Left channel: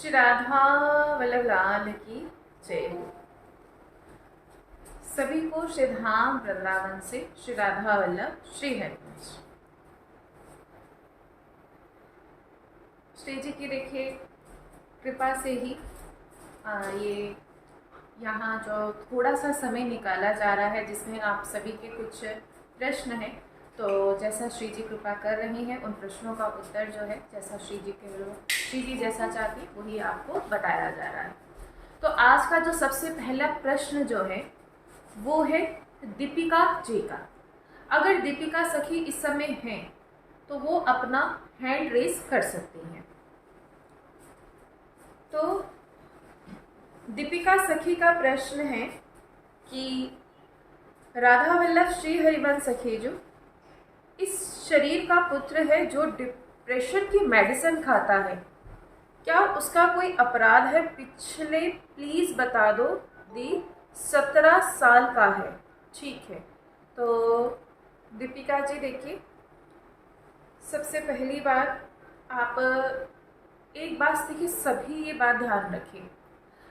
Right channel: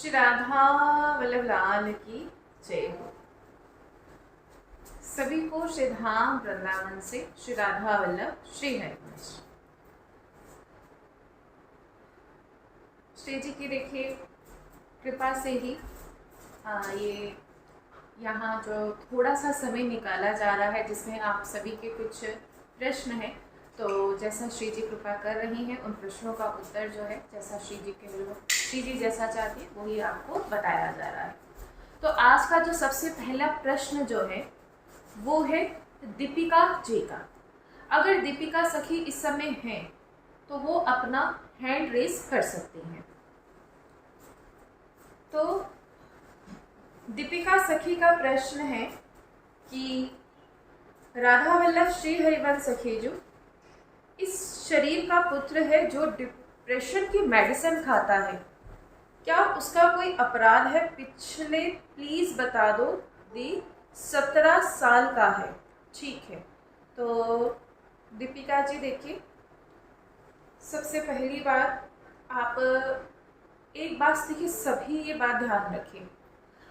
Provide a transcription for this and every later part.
श्री राधा वल्लभ लाल की जय हो। सभी को श्री धाम वृंदावन से श्री राधा वल्लभ श्री हरिवंश। श्री जी की देखिए कृपा से ही ये यहाँ जो थोड़ा सा समय निकाला जा रहा है जिसमें आप सभी के कुछ प्रश्न हैं, तो जैसा श्री जी कृपा कर रही हैं उन प्रश्नों का उत्तर जो है जैसा श्री जी जैसा चाहती है वही आपको बताया जा रहा है। तो आज का जो सबसे पहला प्रश्न जो है वो है दीपिका जी का। अगर दीपिका सखी इस समय हैं तो वो अपना हैंड रेस कर सकती हैं। तो दीपिका सखी का प्रश्न है कि राधा वल्लभ श्री हरिवंश सखी जो इस शरीर का पुत्र है जो डिप्रेशन की मेडिसिन खाता है, क्या उसका कोई अपराध है? पिछले प्लीज बता दो। दी 17 साल का है। ठीक है, तो दीपिका जी देखिए, सबसे पहली बात आप एक बात देखिए, सभी ये बात ध्यान रखिए।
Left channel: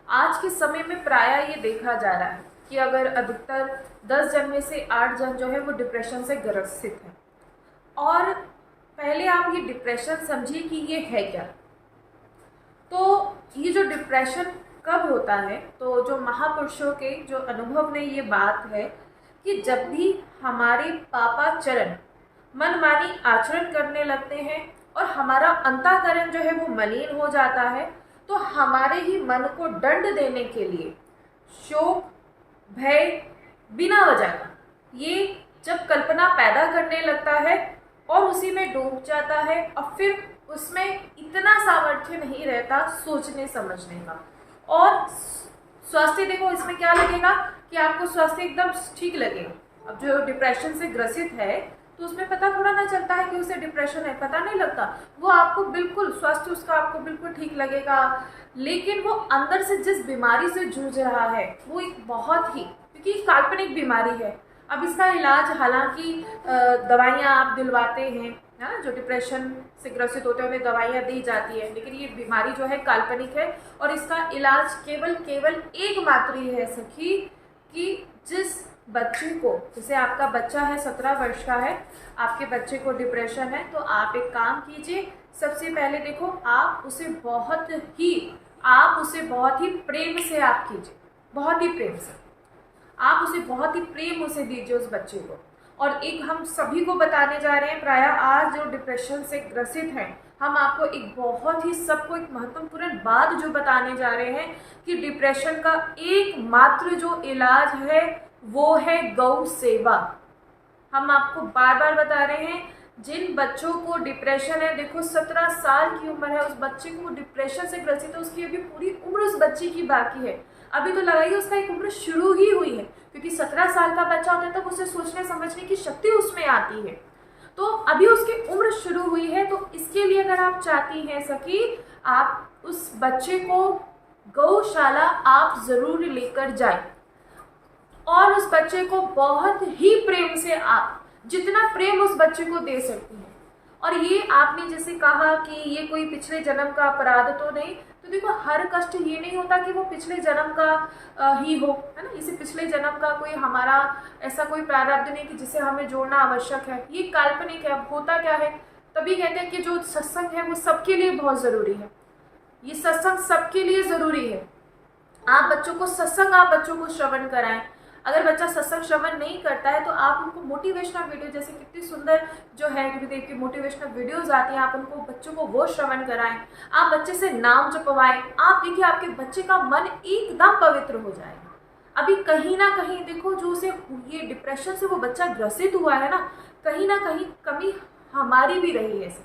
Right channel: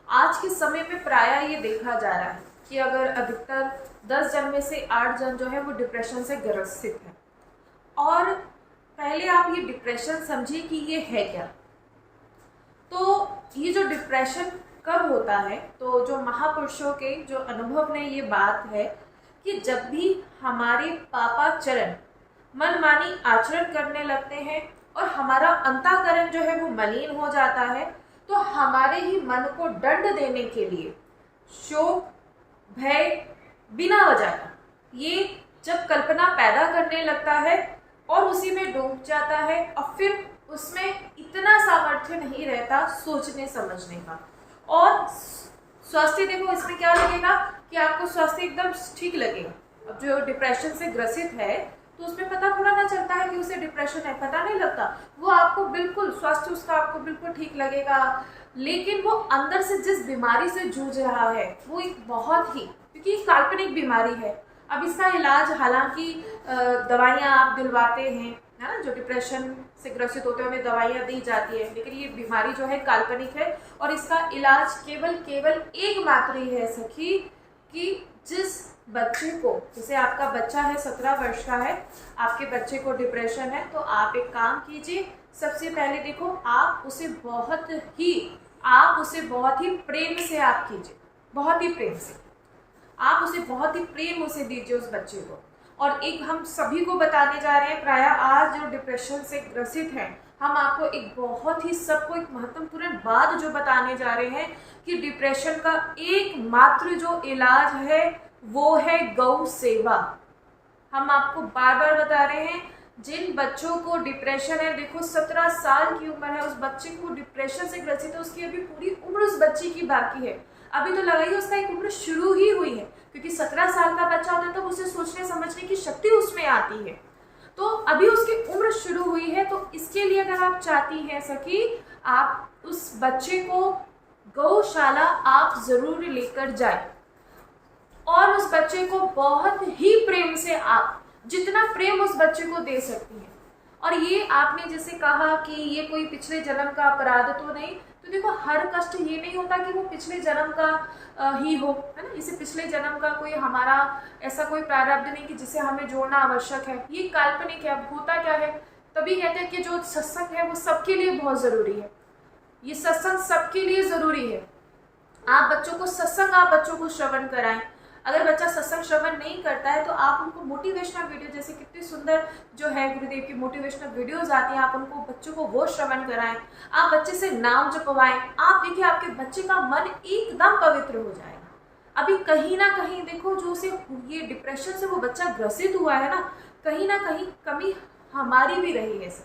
आज के समय में प्रायः ये देखा जा रहा है कि अगर अधिकतर 10 जन में से 8 जन जो है वो डिप्रेशन से ग्रसित है। और पहले आप ये डिप्रेशन समझिए कि ये है क्या। तो ये जो डिप्रेशन कब होता है, तो जो महापुरुषों के जो अनुभव में ये बात है कि जब भी हमारे पापाचरण मनमानी आचरण करने लगते हैं और हमारा अंतःकरण जो है वो मलिन हो जाता है, तो हमारे ही मन को दंड देने के लिए शोक भय बिना वजह का ये जब कल्पना पैदा करने लगता है और उसी में डूब जाता है, और फिर उसमें इतना सामर्थ्य नहीं रहता सोचने समझने का। और स्वास्थ्य देखो, इसमें क्या लगेगा कि आपको स्वास्थ्य एकदम ठीक लगेगा। अब जो डिप्रेशन से ग्रसित है तो उसमें पता थोड़ा ना चलता है कि उसे डिप्रेशन है, पता नहीं लगता। वो आपको बिल्कुल स्वास्थ्य उसका आपको बिल्कुल ठीक लगेगा, लेकिन वो अंदर से जिस बीमारी से जूझ रहा है वो एक बहुत ही, क्योंकि काल्पनिक बीमारी है। अब इसका इलाज हालांकि दवाइयाँ आप दिलवाते हैं, है ना, जो डिप्रेशन से ग्रसित होते हैं उन्हें दवाइयाँ दी जाती है, लेकिन ये बीमारी जो है काल्पनिक है और इसका इलाज केवल एक मात्र ही है सखी, कि जिस बच्चे को, जैसे आपका बच्चा है 17 वर्ष का है, आपके बच्चे को डिप्रेशन है, तो आप एक काम कीजिए। सबसे पहले देखो, आप उसे बहुत ही प्रेम से आप कीजिए, बहुत ही प्रेम से आप उसे बहुत ही प्रेम उसे दीजिए उस बच्चे को। और एक हम सभी को बताने जा रहे हैं, प्रायः आज जो डिप्रेशन से ग्रसित हैं, हम आपको एक बहुत ही सबको एक महत्वपूर्ण बात जो बताने जा रहे हैं कि डिप्रेशन का एकमात्र जो इलाज है वो है गौ सेवा। हम आपको बार बार बता रहे हैं, जिन बच्चों को डिप्रेशन है, देखो 17 साल की उम्र है, उस बच्चे को डिप्रेशन से ग्रसित है, उसकी अभी पूरी उम्र उस बच्चे की बाकी है। अभी तो लगाइए उसका एक उम्र शुरू ही हुई है, क्योंकि 17 साल का बच्चा होता है तब उसे सोचने समझने की शक्ति उसमें आती है। तो अभी उसकी उम्र शुरू हुई है, तो इसके लिए अगर आप चाहती हैं सखी, आप उस बच्चे को गौशाला आप जरूर लेकर जाए और उस बच्चे को बहुत ही प्रेम से, आप जितना प्रेम उस बच्चे को दे सकती हैं। और ये आपने जैसे कहा कि ये कोई पिछले जन्म का अपराध तो नहीं, तो देखो हर कष्ट ये नहीं होता कि वो पिछले जन्म का ही हो, है ना। इसे पिछले जन्म का कोई हमारा ऐसा कोई प्रारब्ध नहीं कि जिसे हमें जोड़ना आवश्यक है, ये काल्पनिक है। अब होता क्या है, तभी कहते हैं कि जो सत्संग है वो सबके लिए बहुत जरूरी है। ये सत्संग सबके लिए जरूरी है। आप बच्चों को श्रवण कराएं। अगर बच्चा सत्संग श्रवण नहीं करता है तो आप उनको मोटिवेशनल वीडियो, जैसे कितनी सुंदर जो है गुरुदेव की मोटिवेशनल वीडियोस आती हैं, आप उनको बच्चों को वो श्रवण कराएं। आप बच्चे से नाम जपवाएं। आप देखिए आपके बच्चे का मन एकदम पवित्र हो जाएगा। अभी कहीं ना कहीं देखो, जो उसे ये डिप्रेशन से वो बच्चा ग्रसित हुआ है ना कहीं कमी हमारी भी रही है।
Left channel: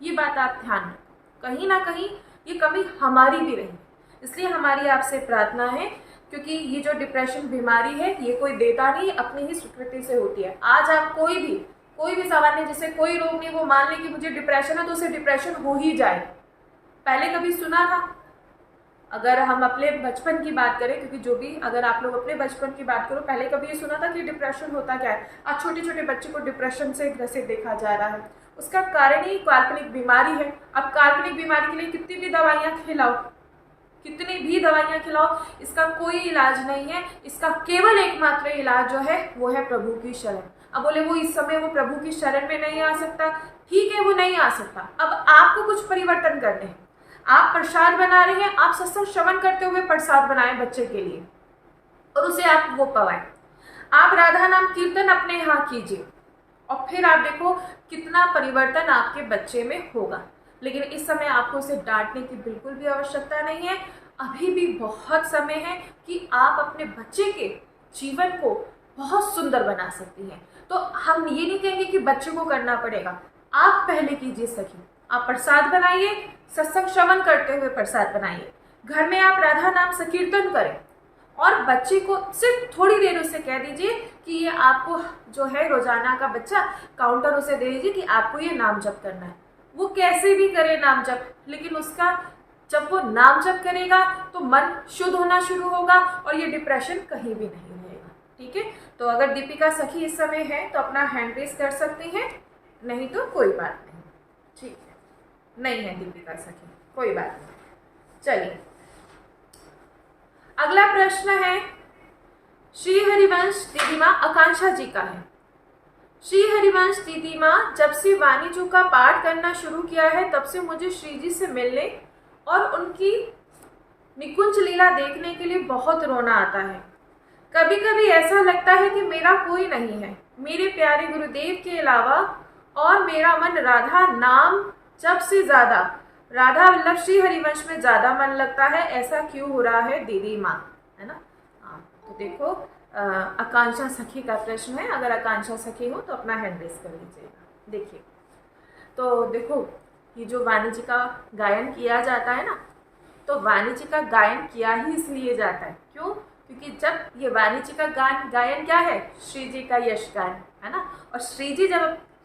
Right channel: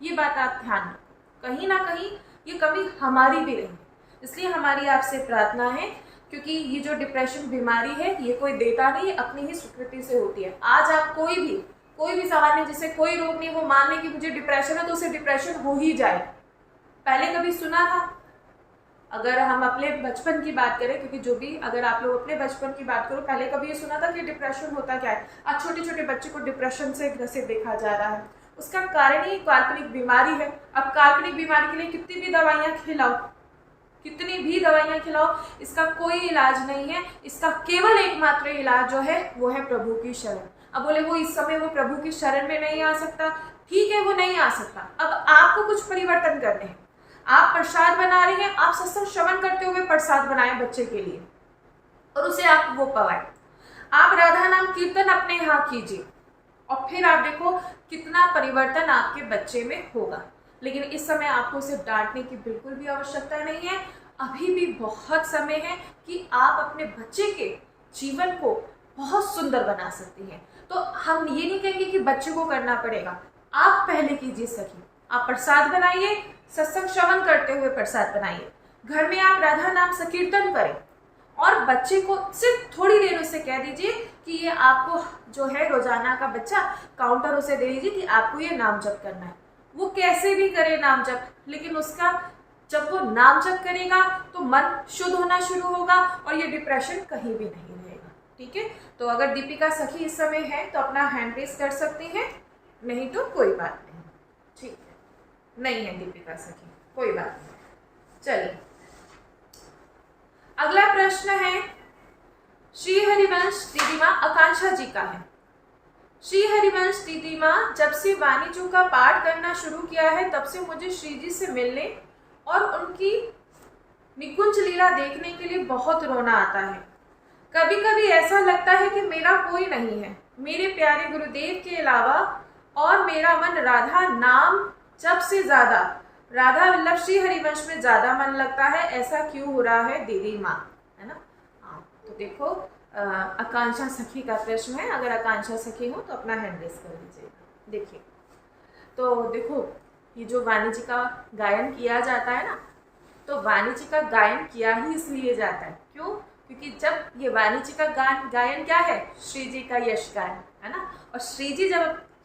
ये बात आप ध्यान रखें, कहीं ना कहीं ये कमी हमारी भी रही है। इसलिए हमारी आपसे प्रार्थना है, क्योंकि ये जो डिप्रेशन बीमारी है ये कोई देता नहीं, अपनी ही स्वीकृति से होती है। आज आप कोई भी सामान्य, जैसे कोई रोग नहीं, वो मान ले कि मुझे डिप्रेशन है तो उसे डिप्रेशन हो ही जाए। पहले कभी सुना था? अगर हम अपने बचपन की बात करें, क्योंकि जो भी, अगर आप लोग अपने बचपन की बात करो, पहले कभी ये सुना था कि डिप्रेशन होता क्या है? आज छोटे छोटे बच्चे को डिप्रेशन से ग्रसित देखा जा रहा है। उसका कारण ही काल्पनिक बीमारी है। अब काल्पनिक बीमारी के लिए कितनी भी दवाइयाँ खिलाओ, कितनी भी दवाइयाँ खिलाओ, इसका कोई इलाज नहीं है। इसका केवल एकमात्र इलाज जो है वो है प्रभु की शरण। अब बोले वो इस समय वो प्रभु की शरण में नहीं आ सकता, ठीक है वो नहीं आ सकता। अब आपको कुछ परिवर्तन करने हैं। आप प्रसाद बना रहे हैं, आप सत्संग श्रवण करते हुए प्रसाद बनाएं बच्चे के लिए और उसे आप वो पवाएं। आप राधा नाम कीर्तन अपने यहाँ कीजिए और फिर आप देखो कितना परिवर्तन आपके बच्चे में होगा। लेकिन इस समय आपको उसे डांटने की बिल्कुल भी आवश्यकता नहीं है। अभी भी बहुत समय है कि आप अपने बच्चे के जीवन को बहुत सुंदर बना सकती हैं। तो हम ये नहीं कहेंगे कि बच्चे को करना पड़ेगा, आप पहले कीजिए सखी। आप प्रसाद बनाइए, सत्संग श्रवण करते हुए प्रसाद बनाइए, घर में आप राधा नाम संकीर्तन करें और बच्चे को सिर्फ थोड़ी देर उसे कह दीजिए कि ये आपको जो है रोजाना का बच्चा काउंटर उसे दे दीजिए कि आपको ये नाम जप करना है। वो कैसे भी करे नाम जप, लेकिन उसका जब वो नाम जप करेगा तो मन शुद्ध होना शुरू होगा और ये डिप्रेशन कहीं भी नहीं रहेगा। ठीक है, तो अगर दीपिका सखी इस समय है तो अपना हैंड रेस कर सकती हैं, नहीं तो कोई बात नहीं। ठीक है, नहीं है दीपिका सखी, कोई बात नहीं। चलिए अगला प्रश्न है श्री हरिवंश दीदी माँ आकांक्षा जी का है। श्री हरिवंश दीदी माँ, जब से वाणी जी का पाठ करना शुरू किया है तब से मुझे श्री जी से मिलने और उनकी निकुंज लीला देखने के लिए बहुत रोना आता है। कभी कभी ऐसा लगता है कि मेरा कोई नहीं है मेरे प्यारे गुरुदेव के अलावा, और मेरा मन राधा नाम जब से ज्यादा राधा वल्लभ श्री हरिवंश में ज्यादा मन लगता है। ऐसा क्यों हो रहा है दीदी माँ, है ना। तो देखो आकांक्षा सखी का प्रश्न है। अगर आकांक्षा सखी हो तो अपना हैंड रेस कर लीजिएगा। देखिए तो देखो ये जो वाणी जी का गायन किया जाता है ना, तो वाणी जी का गायन किया ही इसलिए जाता है, क्यों? क्योंकि जब ये वाणी जी का गायन क्या है, श्री जी का यश गान है ना। और श्री जी जब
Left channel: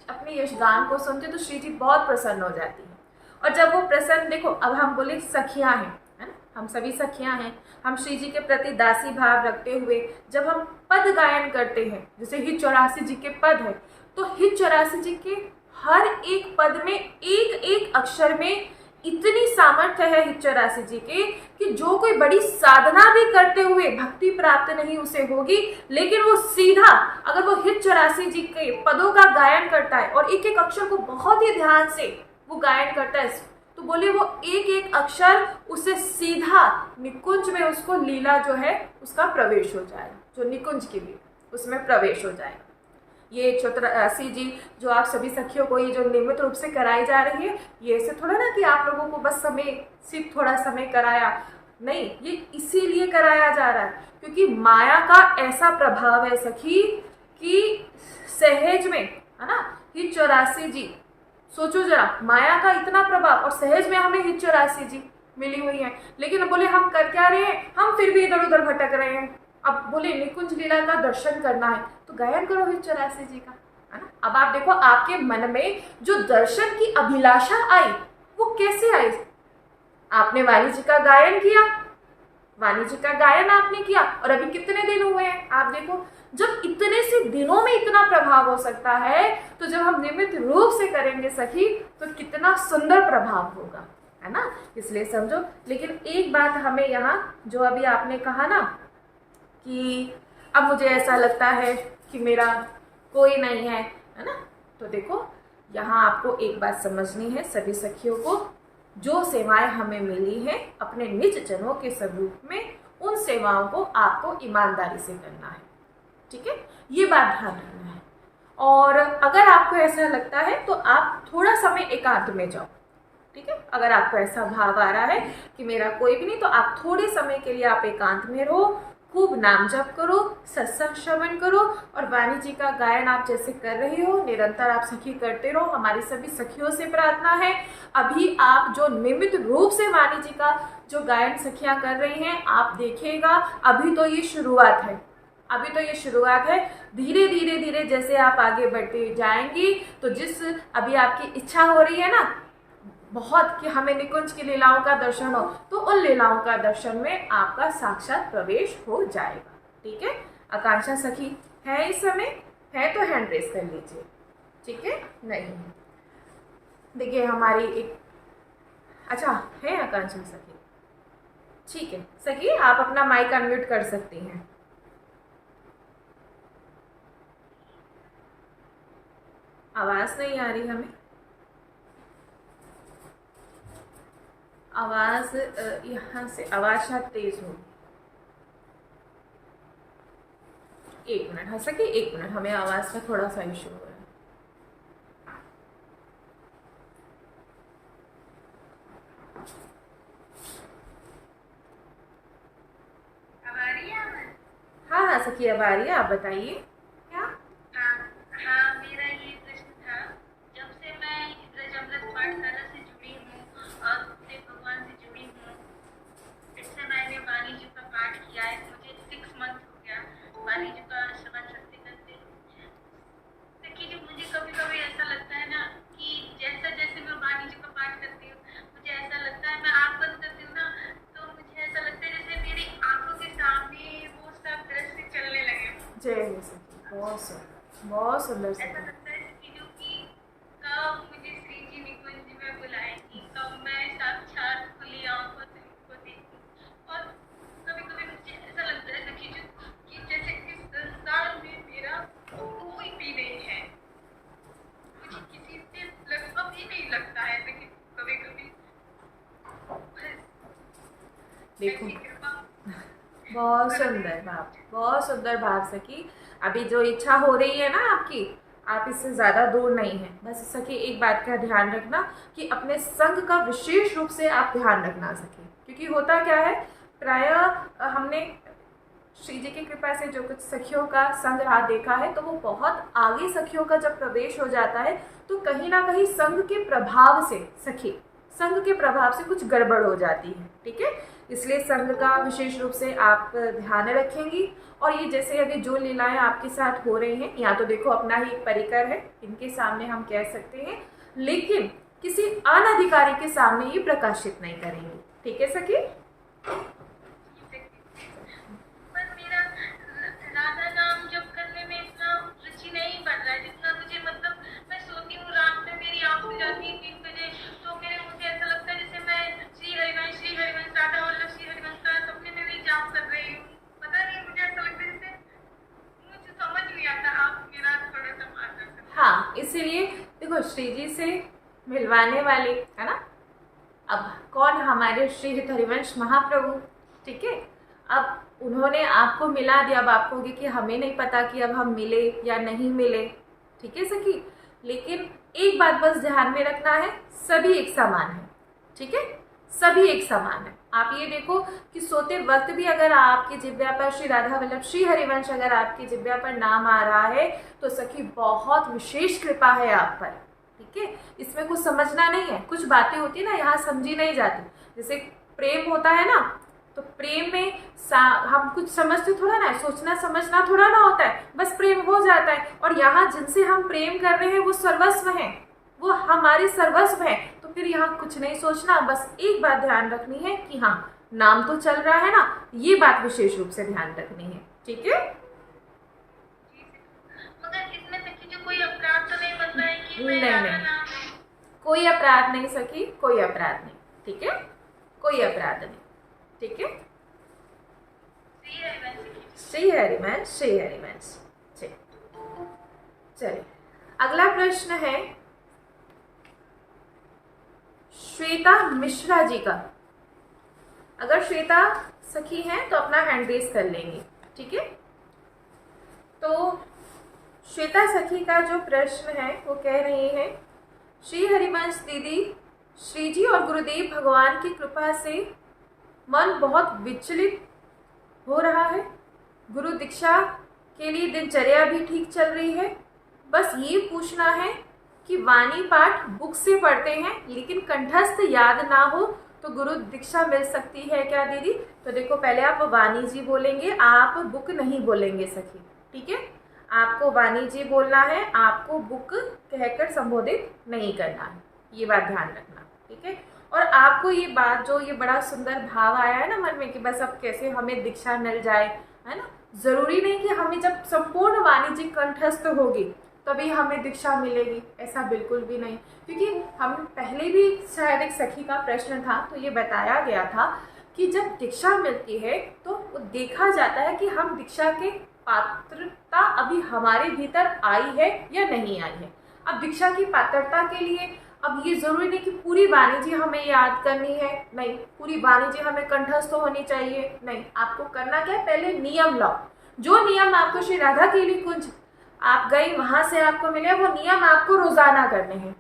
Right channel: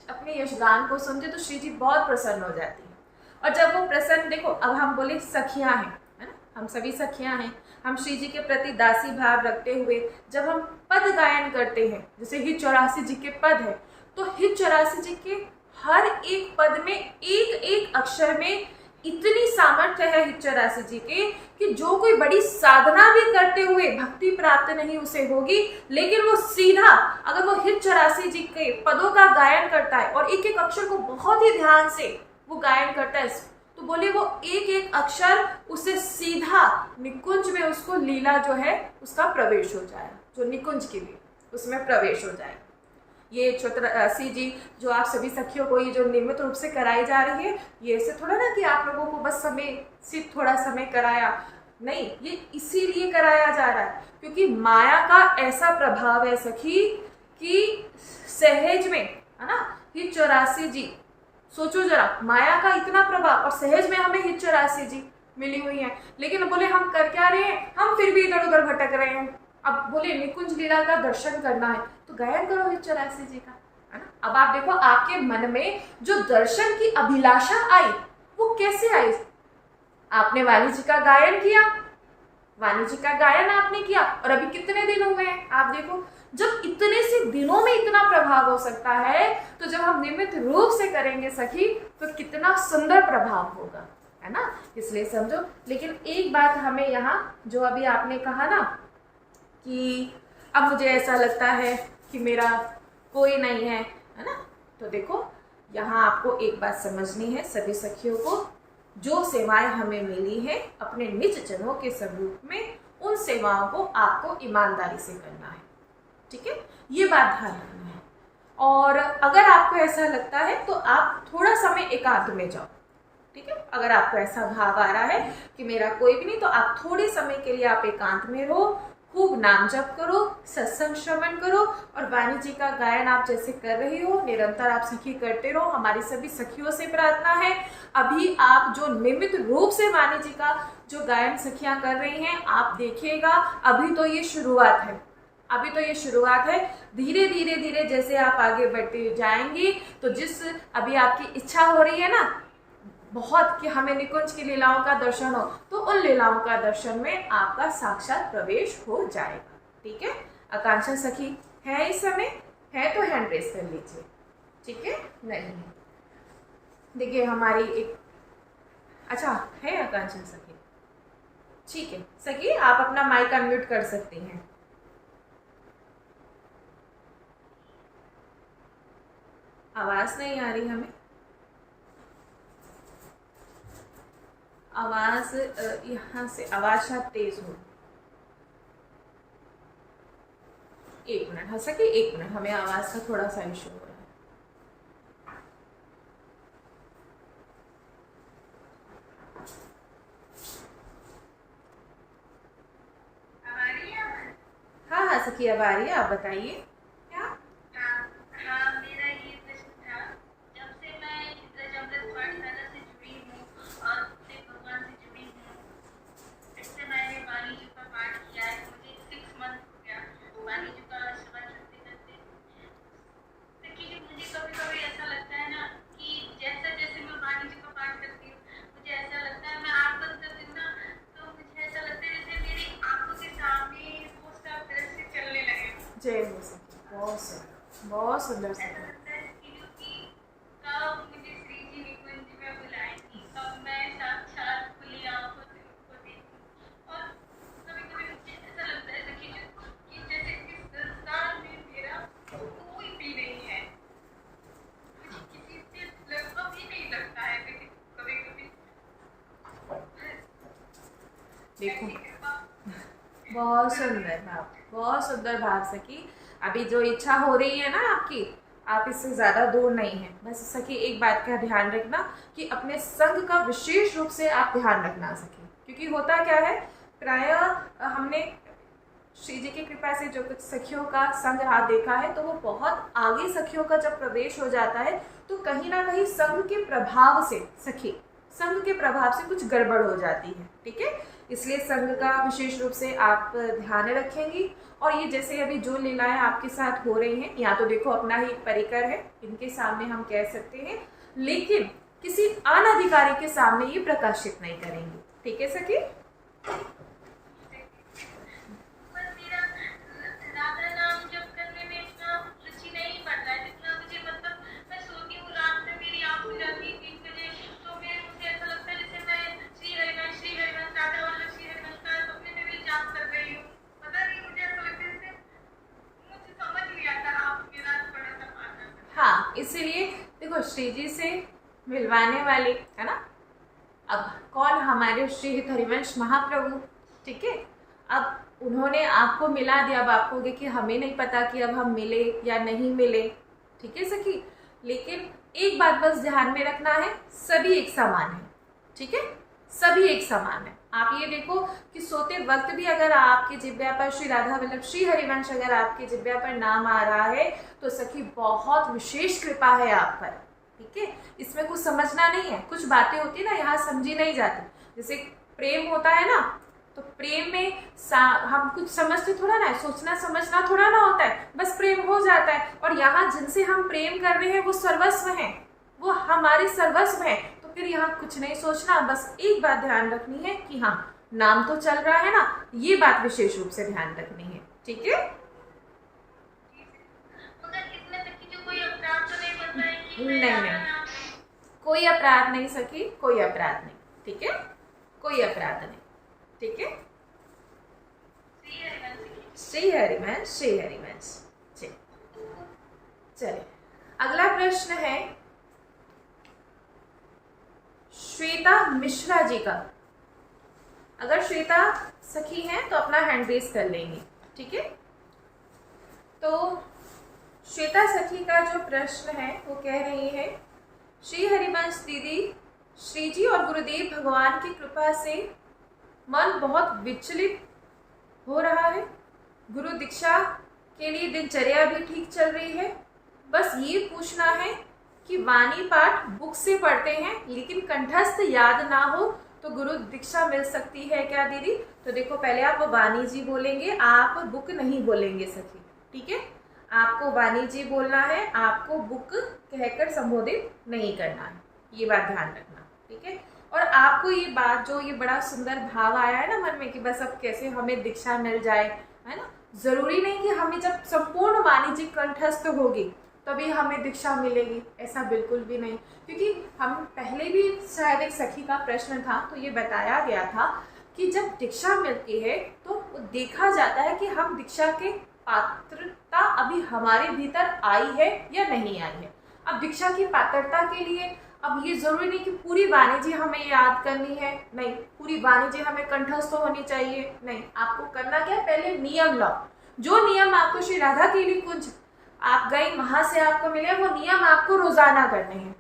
अपने यश गान को सुनते तो श्री जी बहुत प्रसन्न हो जाती है। और जब वो प्रसन्न, देखो अब हम बोले सखियां हैं, है ना, हम सभी सखियां हैं। हम श्री जी के प्रति दासी भाव रखते हुए जब हम पद गायन करते हैं, जैसे हित 84 जी के पद है, तो हित 84 जी के हर एक पद में एक एक अक्षर में इतनी सामर्थ्य है हित 84 जी के कि जो कोई बड़ी साधना भी करते हुए भक्ति प्राप्त नहीं उसे होगी, लेकिन वो सीधा अगर वो हित 84 जी के पदों का गायन करता है और एक एक अक्षर को बहुत ही ध्यान से वो गायन करता है, तो बोले वो एक एक अक्षर उसे सीधा निकुंज में उसको लीला जो है उसका प्रवेश हो जाएगा, जो निकुंज की लीला उसमें प्रवेश हो जाएगा। ये 84 जी जो आप सभी सखियों को ये जो नियमित रूप से कराई जा रही है, ये ऐसे थोड़ा ना कि आप लोगों को बस समय सिर्फ थोड़ा समय कराया, नहीं, ये इसीलिए कराया जा रहा है क्योंकि माया का ऐसा प्रभाव है सखी कि सहज में, है ना, हित 84 जी, सोचो जरा, माया का इतना प्रभाव और सहज में हमें हित 84 जी मिली हुई है। लेकिन बोले हम कर क्या रहे हैं, हम फिर भी इधर उधर भटक रहे हैं। अब बोले निकुंज लीला का दर्शन करना है तो गायन करो हित 84 जी का, है ना। अब आप देखो आपके मन में जो दर्शन की अभिलाषा आई वो कैसे आई? आपने वाणी जी का गायन किया, वाणी जी का गायन आपने किया और अभी कितने दिन हुए हैं आप देखो। जब इतने से दिनों में इतना प्रभाव हो सकता है तो जब हम नियमित रूप से करेंगे सखी तो कितना सुंदर प्रभाव होगा, है ना। इसलिए समझो। लेकिन एक बात हमें यहाँ जो अभी आपने कहा ना कि अब मुझे ऐसा लगता है कि मेरा कोई नहीं है, है ना, तो देखो यहाँ आपको एक बात समझनी है सभी सखियों को, जो सेवाएं हमें मिली हैं अपने निज जनों के स्वरूप में, उन सेवाओं को आपको ईमानदारी से करना है, ठीक है, ये बात ध्यान रखना है। और अगर आपको ऐसा लगता है तो आप थोड़ा समय एकांत में जाओ, ठीक है। अगर आपको ऐसा भाव आ रहा है कि मेरा कोई भी नहीं, तो आप थोड़े समय के लिए आप एकांत में रहो, खूब नाम जप करो, सत्संग श्रवण करो और वाणी जी का गायन आप जैसे कर रही हो निरंतर आप सखी करते रहो। हमारी सभी सखियों से प्रार्थना है, अभी आप जो नियमित रूप से वाणी जी का जो गायन सखियां कर रही हैं आप देखिएगा, अभी तो ये शुरुआत है, अभी तो ये शुरुआत है। धीरे धीरे धीरे जैसे आप आगे बढ़ते जाएंगी तो जिस अभी आपकी इच्छा हो रही है ना बहुत कि हमें निकुंज की लीलाओं का दर्शन हो, तो उन लीलाओं का दर्शन में आपका साक्षात प्रवेश हो जाएगा, ठीक है। आकांक्षा सखी है इस समय, है तो हैंड रेस कर लीजिए, ठीक है। नहीं है, देखिए हमारी एक, अच्छा है आकांक्षा सखी, ठीक है सखी, आप अपना माइक अनम्यूट कर सकती हैं। आवाज नहीं आ रही हमें, आवाज यहाँ से आवाज शायद तेज हो। एक मिनट, हाँ सखी एक मिनट, हमें आवाज का थोड़ा सा इशू हो रहा है। हाँ हाँ सखी अब आ रही है, आप बताइए क्या। हाँ, मेरा ये प्रश्न था, जब से मैं अमृत पाठशाला से जुड़ी हूँ और फिर भगवान से जुड़ी हूँ, इससे मैंने वाणी जी का पाठ किया है। मुझे 6 मंथ हो गया वाणी जी का श्रवण करते करते। देखिए जी, मुझे कभी कभी ऐसा लगता है ना कि जैसे जैसे मैं वाणी जी का पाठ करती हूँ, मुझे ऐसा लगता है, मैं आँख बंद करती हूँ ना, तो मुझे ऐसा लगता है जैसे मेरी आंखों के सामने वो सब दृश्य चलने लगे। जय हो सखी, बहुत सुंदर, बहुत सुंदर ऐसा सखी। लगता है कि जो कि कब मुझे श्री जी निकुंज में बुलाएंगी, कब मैं साक्षात खुली आंखों से उनको देखूं। और कभी कभी मुझे ऐसा लगता है सखी जी कि जैसे इस संसार में मेरा कोई भी नहीं है, मुझे किसी से लगभग ही नहीं लगता है। लेकिन कभी कभी देखो ऐसी कृपा बहुत सुंदर भाव, बहुत सुंदर भाव सखी। अभी जो इच्छा हो रही है ना आपकी, आप इससे ज़्यादा दूर नहीं है। बस सखी एक बात का ध्यान रखना कि अपने संग का विशेष रूप से आप ध्यान रखना सखी, क्योंकि होता क्या है, प्रायः हमने श्री जी की कृपा से जो कुछ सखियों का संग रात देखा है, तो वो बहुत आगे सखियों का जब प्रवेश हो जाता है तो कहीं ना कहीं संग के प्रभाव से सखी, संग के प्रभाव से कुछ गड़बड़ हो जाती है। ठीक है, इसलिए संग का विशेष रूप से आप ध्यान रखेंगी। और ये जैसे अभी जो लीलाएं आपके साथ हो रही हैं, यहाँ तो देखो अपना ही एक परिकर है, इनके सामने हम कह सकते हैं, लेकिन किसी अनधिकारी के सामने ये प्रकाशित नहीं करेंगे। ठीक है सखी। पर मेरा राधा नाम जप करने में इतना रुचि नहीं बढ़ रहा है जितना मुझे, मतलब मैं सोती हूँ रात में, मेरी आँख खुल जाती है 3 बजे, तो मुझे ऐसा लगता है जैसे मैं श्री हरिवंश राधा वल्लभ श्री हरिवंश का सपने में भी जाप कर रही हूँ। पता नहीं, मुझे ऐसा लगता है जैसे, मुझे समझ नहीं आता। आप मेरा थोड़ा सा मार्गदर्शन। हाँ, इसीलिए देखो श्री जी से मिलवाने वाले है ना, अब कौन, हमारे श्री हरिवंश महाप्रभु। ठीक है, अब उन्होंने आपको मिला दिया। अब आप कहोगे कि हमें नहीं पता कि अब हम मिले या नहीं मिले। ठीक है सखी, लेकिन एक बात बस ध्यान में रखना है, सभी एक समान है। ठीक है, सभी एक समान है। आप ये देखो कि सोते वक्त भी अगर आपके जिब्या पर श्री राधा वल्लभ श्री हरिवंश अगर आपके जिब्या पर नाम आ रहा है, तो सखी बहुत विशेष कृपा है आप पर। ठीक है, इसमें कुछ समझना नहीं है। कुछ बातें होती है ना यहाँ समझी नहीं जाती, जैसे प्रेम होता है ना, तो प्रेम में हम कुछ समझते थोड़ा ना, सोचना समझना थोड़ा ना होता है, बस प्रेम हो जाता है। और यहाँ जिनसे हम प्रेम कर रहे हैं वो सर्वस्व हैं, वो हमारे सर्वस्व हैं, तो फिर यहाँ कुछ नहीं सोचना। बस एक बात ध्यान रखनी है कि हाँ, नाम तो चल रहा है ना, ये बात विशेष रूप से ध्यान रखनी है। ठीक है, मगर इसमें सखी जो कोई अपराध तो नहीं बनता है कि नहीं मैं नहीं, नाम कोई अपराध नहीं सखी, कोई अपराध नहीं। ठीक है, कोई अपराध नहीं। ठीक है, श्री हरिवंश। श्री हरिवंश, श्री हरिवंश। चलिए अगला प्रश्न है श्वेता मिश्रा जी का। अगर श्वेता सखी हैं तो अपना हैंड रेस कर लेंगे। ठीक है, तो श्वेता सखी का जो प्रश्न है वो कह रही है, श्री हरिवंश दीदी, श्री जी और गुरुदेव भगवान की कृपा से मन बहुत विचलित हो रहा है। गुरु दीक्षा के लिए दिनचर्या भी ठीक चल रही है। बस ये पूछना है कि वाणी पाठ बुक से पढ़ते हैं लेकिन कंठस्थ याद ना हो तो गुरु दीक्षा मिल सकती है क्या दीदी। तो देखो पहले आप वाणी जी बोलेंगे, आप बुक नहीं बोलेंगे सखी। ठीक है, आपको वाणी जी बोलना है, आपको बुक कहकर संबोधित नहीं करना है, ये बात ध्यान रखना। ठीक है, और आपको ये बात, जो ये बड़ा सुंदर भाव आया है ना मन में कि बस अब कैसे हमें दीक्षा मिल जाए, है ना, जरूरी नहीं कि हमें जब संपूर्ण वाणी जी कंठस्थ होगी तभी हमें दीक्षा मिलेगी, ऐसा बिल्कुल भी नहीं। क्योंकि हम पहले भी शायद एक सखी का प्रश्न था तो ये बताया गया था कि जब दीक्षा मिलती है तो वो देखा जाता है कि हम दीक्षा के पात्रता अभी हमारे भीतर आई है या नहीं आई है। अब दीक्षा की पात्रता के लिए अब ये जरूरी नहीं कि पूरी वाणी जी हमें याद करनी है, नहीं, पूरी वाणी जी हमें कंठस्थ होनी चाहिए, नहीं। आपको करना क्या है, पहले नियम लाओ। जो नियम आपको श्री राधा केली कुंज आप गई वहां से आपको मिले, वो नियम आपको रोजाना करने हैं।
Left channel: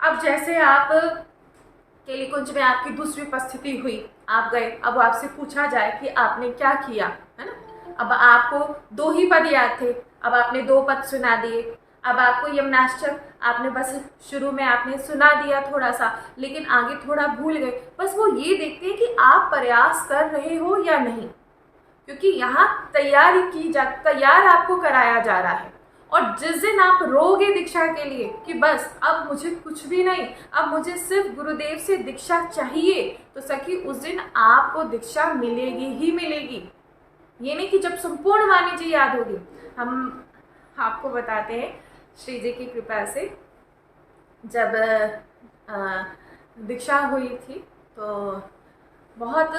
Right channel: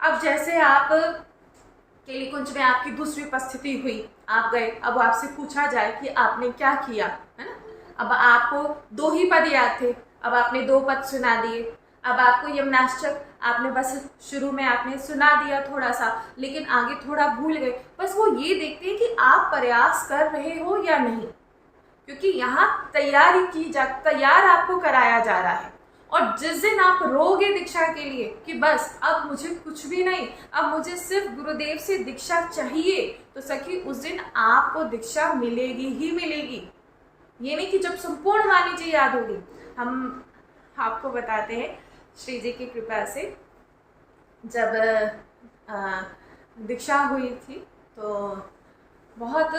अब जैसे आप केली कुंज में आपकी दूसरी उपस्थिति हुई, आप गए, अब आपसे पूछा जाए कि आपने क्या किया, है ना। अब आपको 2 ही पद याद थे, अब आपने 2 पद सुना दिए। अब आपको यमुनाष्टक आपने बस शुरू में आपने सुना दिया थोड़ा सा, लेकिन आगे थोड़ा भूल गए। बस वो ये देखते हैं कि आप प्रयास कर रहे हो या नहीं, क्योंकि यहाँ तैयार आपको कराया जा रहा है। और जिस दिन आप रोगे दीक्षा के लिए कि बस अब मुझे कुछ भी नहीं, अब मुझे सिर्फ गुरुदेव से दीक्षा चाहिए, तो सखी उस दिन आपको दीक्षा मिलेगी ही मिलेगी। ये नहीं कि जब संपूर्ण वाणी जी याद होगी। हम आपको बताते हैं श्री जी की कृपा से जब दीक्षा हुई थी तो बहुत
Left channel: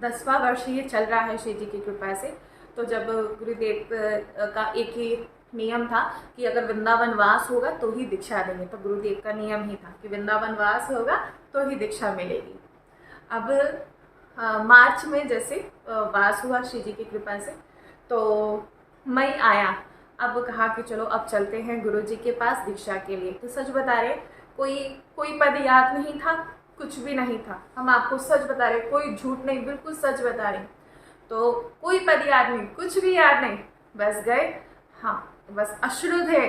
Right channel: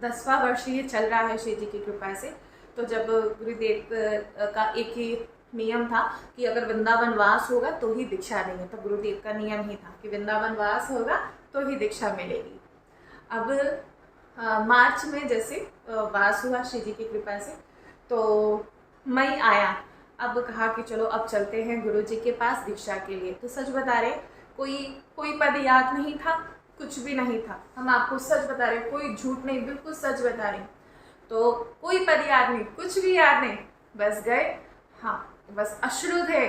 10वां वर्ष ये चल रहा है श्री जी की कृपा से। तो जब गुरुदेव का एक ही नियम था कि अगर वृंदावन वास होगा तो ही दीक्षा देंगे, तो गुरुदेव का नियम ही था कि वृंदावन वास होगा तो ही दीक्षा मिलेगी। अब मार्च में जैसे वास हुआ श्री जी की कृपा से, तो मई आया। अब कहा कि चलो अब चलते हैं गुरु जी के पास दीक्षा के लिए। तो सच बता रहे, कोई पद याद नहीं था, कुछ भी नहीं था। हम आपको सच बता रहे, कोई झूठ नहीं, बिल्कुल सच बता रहे। तो कोई पद याद नहीं, कुछ भी याद नहीं, बस गए। हाँ, बस अश्रु थे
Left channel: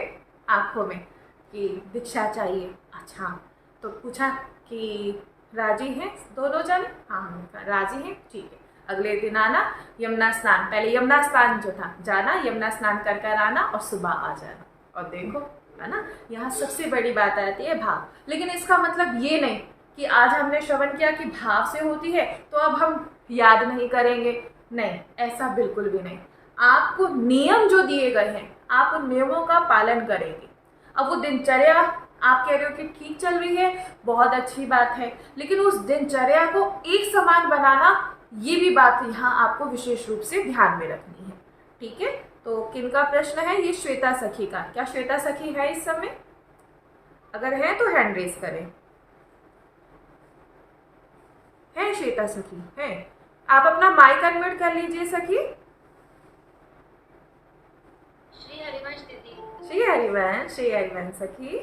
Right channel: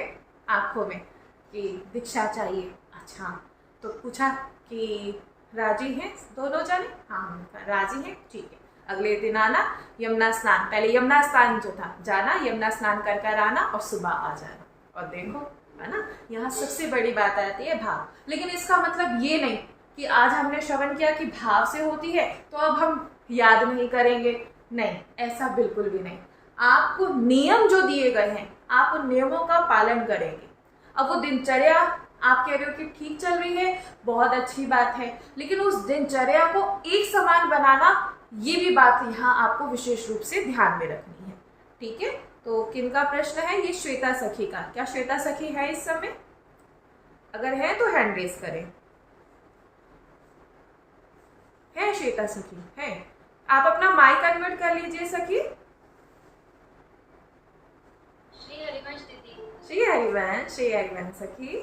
आंखों में कि दीक्षा चाहिए। अच्छा, तो पूछा कि राजी हैं दोनों जने? हाँ, राजी हैं, ठीक है। अगले दिन आना, यमुना स्नान, पहले यमुना स्नान जो था जाना, यमुना स्नान कर कर आना और सुबह आ जाना। और देखो, है ना, यहाँ सबसे बड़ी बात आती है भाव। लेकिन इसका मतलब ये नहीं कि आज हमने श्रवण किया कि भाव से होती है तो अब हम याद नहीं करेंगे, नहीं, ऐसा बिल्कुल भी नहीं। आपको नियम जो दिए गए हैं, आप उन नियमों का पालन करेंगे। अब वो दिनचर्या आप कह रहे हो कि ठीक चल रही है, बहुत अच्छी बात है, लेकिन उस दिनचर्या को एक समान बनाना, ये भी बात यहाँ आपको विशेष रूप से ध्यान में रखनी है। ठीक है, तो किनका प्रश्न है? ये श्वेता सखी का। क्या श्वेता सखी है इस समय? अगर है तो हैंड रेज करें। है श्वेता सखी? है? आप अपना माइक अनम्यूट कर लीजिए सखी। श्री हरिवंश दीदी। श्री हरिवंश सखी,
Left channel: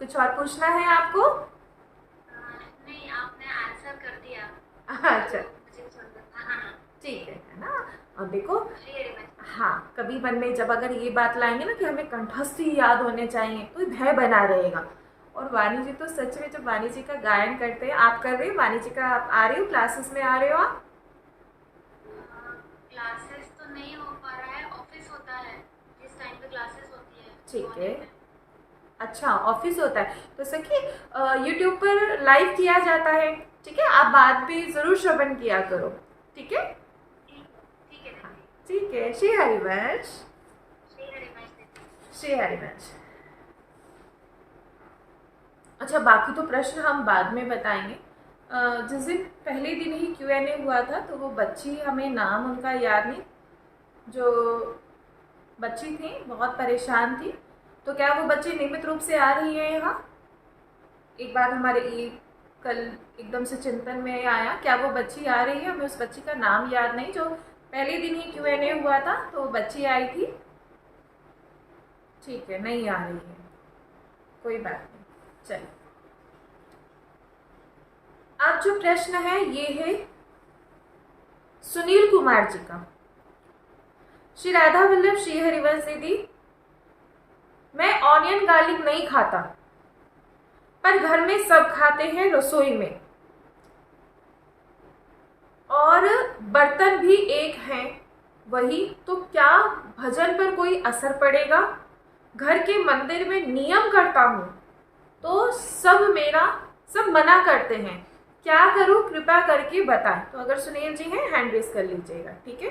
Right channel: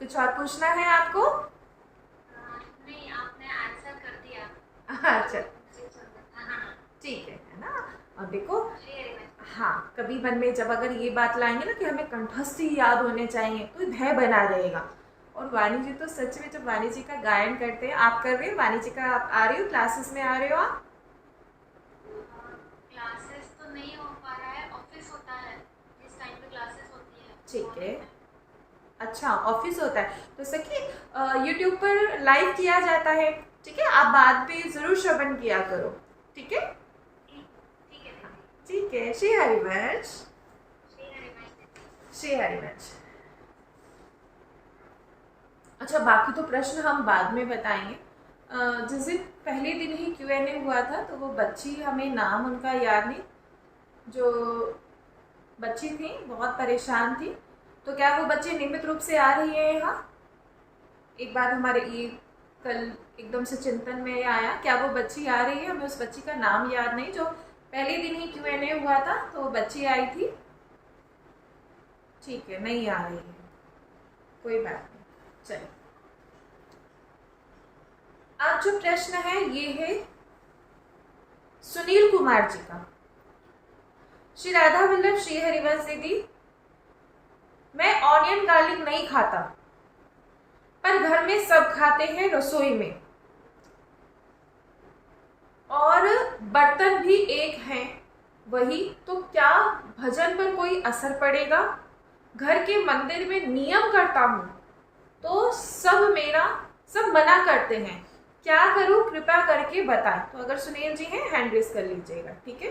कुछ और पूछना है आपको? नहीं, आपने आंसर कर दिया। अच्छा, ठीक है ना। और देखो, हाँ, कभी मन में जब अगर ये बात लाएंगे ना कि हमें कंठस्थ ही याद होने चाहिए, तो भय बना रहेगा। और वाणी जी तो सच में जब वाणी जी का गायन करते हैं, आप कर रहे हो वाणी जी का, आप आ रहे हो क्लासेस में, आ रहे हो आप? क्लासेस तो नहीं हो पा रहा है, ऑफिस होता है, इस टाइम पे क्लासेस होती है। ठीक है, अच्छा, ऑफिस होता है तो सखी यूट्यूब पर लाइव किया जाता है, ठीक है, आप बाद में जरूर श्रवण किया करो, ठीक है? ठीक है। श्री हरिवंश। श्री हरिवंश। अच्छा, बाकी तो प्रश्न हम बाद में बताएंगे। जिस दिन पहले दिन ही Q&A हुआ था तो वो बच्ची, हमें नाम उनका याद नहीं, जो बच्ची थी बहुत परेशान थी, तो क्या वो बच्ची नियमित रूप से आ रही है यहाँ? एक बार हमारे ये कल एकदम से चिंतन में आया, क्या वो बच्ची आ रही है? हमें उस बच्ची का नाम याद नहीं, जो पहले दिन ही Q&A हुआ था तो वो बच्ची आई थी। ठीक है, नहीं आ रही है, कोई बात नहीं, चलिए। अब जो प्रश्न है ये है सुनील कुमार जी का। श्री राधा वल्लभ श्री हरिवंश दीदी, मैं ऑनियन गार्लिक नहीं खाता, पर घर में सब खाते हैं रसोई में, और बर्तन भी एक हैं वही, तो क्या भजन पर कोई असर पड़ेगा? घर के मंदिर में नियम करता हूँ तो सब मना करते हैं, क्या करूं, कृपा करके बताएं। तो अगर सुनील जी हैं हैंड रेस कर लीजिएगा, ठीक है?